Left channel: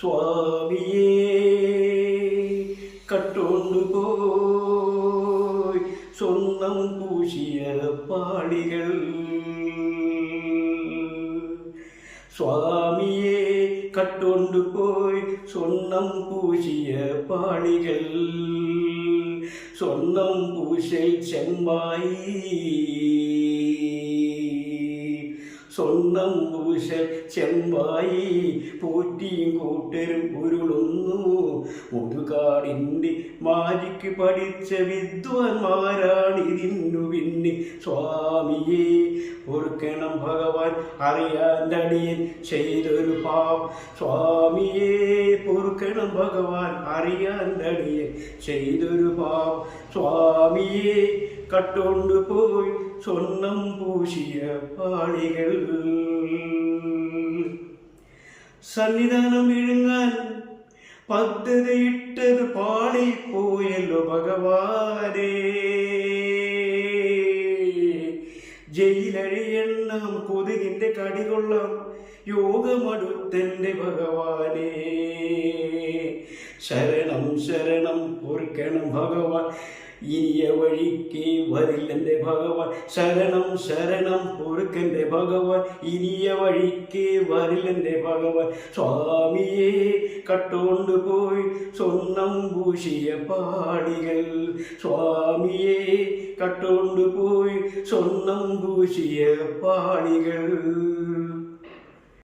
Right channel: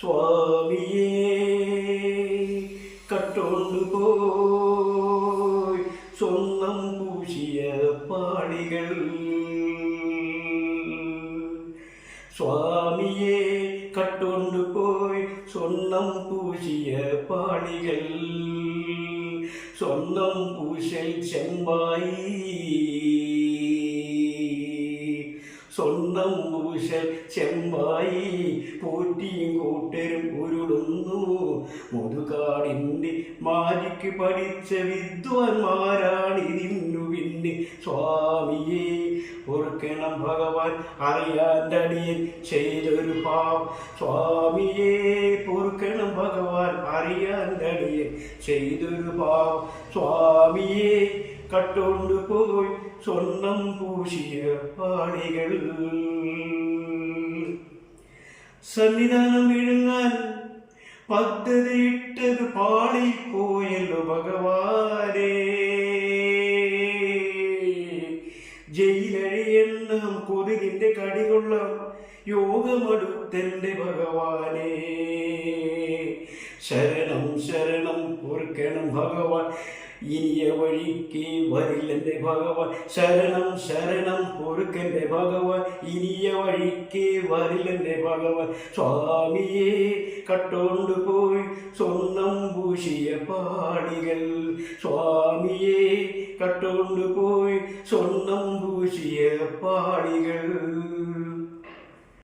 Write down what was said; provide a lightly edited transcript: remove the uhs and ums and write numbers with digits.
സ്വാമിയേ കട്ടുകൊണ്ടുപോയി സ്വന്തം പൂശിയ പാളികൾ. സ്വാമിയെ കട്ടുകൊണ്ടുപോയി സ്വർണം പൂശിയ പാളികൾ. സ്വർണം പൂശൽ ചെമ്പായി, സ്വർണം പൂശൽ ചെമ്പായി പോറ്റിയും കൂട്ടരും ഉരുളുന്നു. മുതുകാടിൻ്റെ മാജിക്ക് പഠിച്ച വിദ്വാൻമാരാണിതിന്നു പിന്നെ. സ്വാമിയെ ഓർക്കണം ഭഗവാൻ, അറിയാണ്ടടിയൻ ചെയ്തൊരു പാവം. സ്വാമിയെ ഓർക്കണം ഭഗവാൻ, അറിയാണ്ടടിയൻ ചെയ്തൊരു പാവം. സ്വാമിയെ കട്ടുകൊണ്ടുപോയി സ്വർണം പൂശിയ പാളികൾ. സന്നിധാനം വിഴുങ്ങാൻ പദ്ധതിയിട്ടത് പാളിപ്പോയല്ലോ ഭഗവാനേ. ജയിലഴിയെന്ന കൊതുകിന്റെ കടികൊള്ളാം യോഗമെടുത്തെന്റെ ഭഗവാനേ. ശരണം ശരണം ഓർക്കണം ഭഗവാൻ, ഇനിയ വഴിക്ക് വരില്ലെന്റെ ഭഗവാൻ. ശരണം ശരണം ഓർക്കന്റെ ഭഗവാൻ, ഇനിയ വഴിക്ക് വരില്ലെന്റെ ഭഗവാൻ. സ്വാമിയെ കട്ടുകൊണ്ടുപോയി സ്വർണം പൂശിയ പാളികൾ. സ്വാമിയെ കട്ടുകൊണ്ടുപോയി സ്വർണം പൂശിയ പാളികൾ.